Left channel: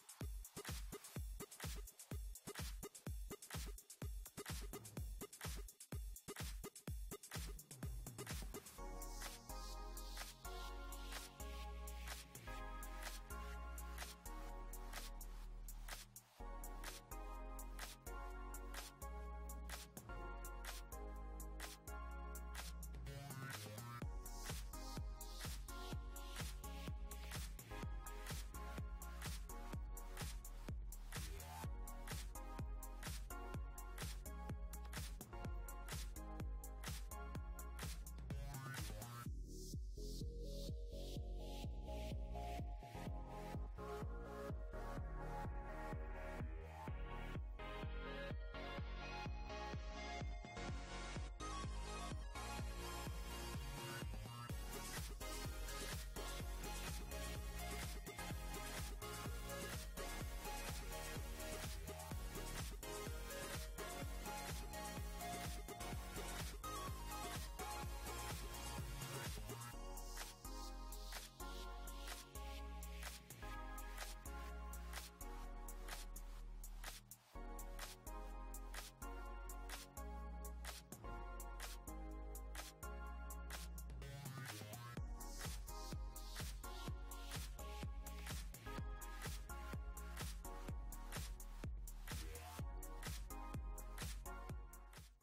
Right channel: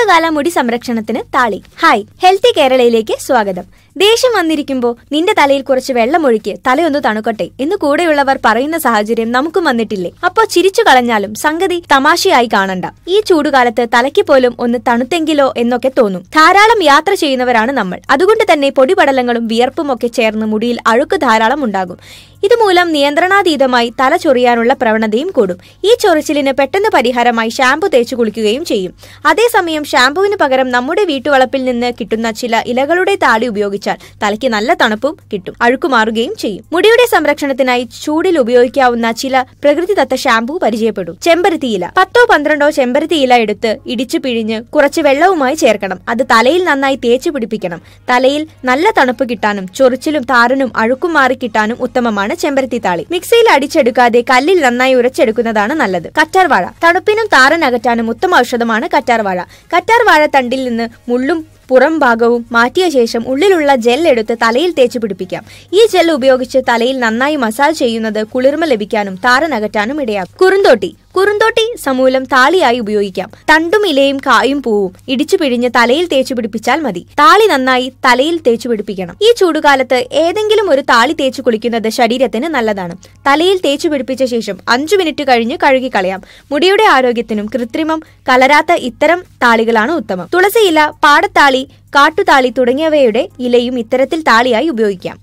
ചൂടുകാല മുടി സംരക്ഷണത്തിന് താളി. Hi, healthy കേരളയിലേക്ക് സ്വാഗതം. ദേഷ്യം വന്നിരിക്കുമ്പോൾ നിന്റെ തലയിൽ കുറച്ച് വെള്ളമൊഴിക്ക്, തലയൊന്ന് തണുക്കട്ടെ എന്ന് കൂടെയുള്ളവർ പറയുന്ന സാഹചര്യം നമുക്കും വന്നിട്ടില്ലേ? അപ്പോൾ ചിരിച്ചു കളഞ്ഞാലും സംഗതി തമാശയായി കാണണ്ട. ഈ ചൂടുകാലത്ത് തലയ്ക്ക് പോലും ഒന്ന് തണുത്തെങ്കിലോ എന്നൊക്കെ തോന്നും. ധാരാളം യാത്ര ചെയ്യുന്നവരാണ് നമ്മൾ. അതുകൊണ്ട് തന്നെ പൊടിപടലങ്ങളും വിയർപ്പും ഒക്കെ ചേർന്ന് മുടിയിൽ അഴുക്ക് ധാരാളം ഉണ്ടാകും. ഇതുമൂലം നിയന്ത്രണാതീതമായി തല ചൊറിയാനുള്ള പ്രവണതയും കൂടും. ഈ ചൊറിച്ചിലിന് പെട്ടെന്ന് പരിഹാരമായി ഷാമ്പു തേച്ചു കുളിക്കുകയും ചെയ്യും. അതേസമയം ഷാമ്പുവിന് പകരം നമ്മുടെ വീട്ടുവളപ്പിൽ നിന്ന് കിട്ടുന്ന ചില ഇലകളുടെ താളി ഉപയോഗിച്ചാൽ തലയ്ക്ക് നല്ല തണുപ്പും കിട്ടും, അഴുക്കുമാറുകയും ചെയ്യും. മുടിയുടെ സംരക്ഷണത്തിനായി ചൂടിൽ ഉപയോഗിക്കാവുന്ന ചില പ്രകൃതിദത്ത ഷാമ്പു പരിചയപ്പെടും. ചെമ്പരത്തിയില. 10-12 ചെമ്പരത്തിയില എടുത്ത് ഇടിച്ചു പിഴിഞ്ഞ് കുറച്ച് വെള്ളവുമായി ചേർക്കണം. അത് തലയിൽ നന്നായി തേച്ചു പിടിപ്പിക്കണം. തലയിൽ നല്ല തണുപ്പ് കിട്ടാനും ചൊറിച്ചിലും താരനും അഴുക്കും മാറി കിട്ടാനും ഉത്തമമാണ് ചെമ്പരത്തി താളി. മിക്സിയിൽ അടിച്ചെടുക്കാതെ കല്ലിൽ നന്നായി ഉരച്ചെടുക്കുന്നതാണ് നല്ലത്. കറ്റാർവാഴ. തണുപ്പിനും താരൻ അകറ്റാനും ഉത്തമ ഔഷധമാണ് കറ്റാർവാഴ. കറ്റാർവാഴ തണ്ടിൽ നിന്ന് മുള്ളും പുറം ഭാഗവും മാറ്റിയ ശേഷം ഉള്ളിലുള്ള ജെൽ എടുത്ത് തലയിൽ തേച്ചു പിടിപ്പിക്കാം. ഈ ജെൽ ഉപയോഗിച്ച് തലയിൽ നന്നായി മസാജ് ചെയ്യുന്നത് കുളിർമ ലഭിക്കാനും താരൻ അകറ്റാനും ഇടയാക്കും. കുറുന്തോട്ടി. കുറുന്തോട്ടി സമൂലം താളിയായി ഉപയോഗിക്കാം. തണ്ടും ഇലയും കായും പൂവും ഇടിച്ചു പിഴിഞ്ഞ് തലയിൽ തേച്ചു പിടിപ്പിച്ചാൽ മതി. താളി നന്നായി തലയിൽ തേച്ചു പിടിപ്പിക്കണം. ഈ ചൂടുകാലത്ത് ഏതെങ്കിലും ഒരു താളി തേച്ചു കുളിക്കുന്നത് ശരീരത്തിന് നല്ലതാണ്. തലയിൽ തേച്ചു പിടിപ്പിച്ച ശേഷം 5 മിനിറ്റ് കഴിഞ്ഞ് കഴുകിക്കളയാം. മുടിയുടെ ആരോഗ്യത്തിനും കൃത്രിമം കലരാത്ത ഇത്തരം താളികളാണ് ഉത്തമം. തുളസിയില, പാടത്താളി, കാട്ടുതാളി തുടങ്ങിയവയുടെ ഇലയും ഇത്തരത്തിൽ താളിയായി ഉപയോഗിക്കാം.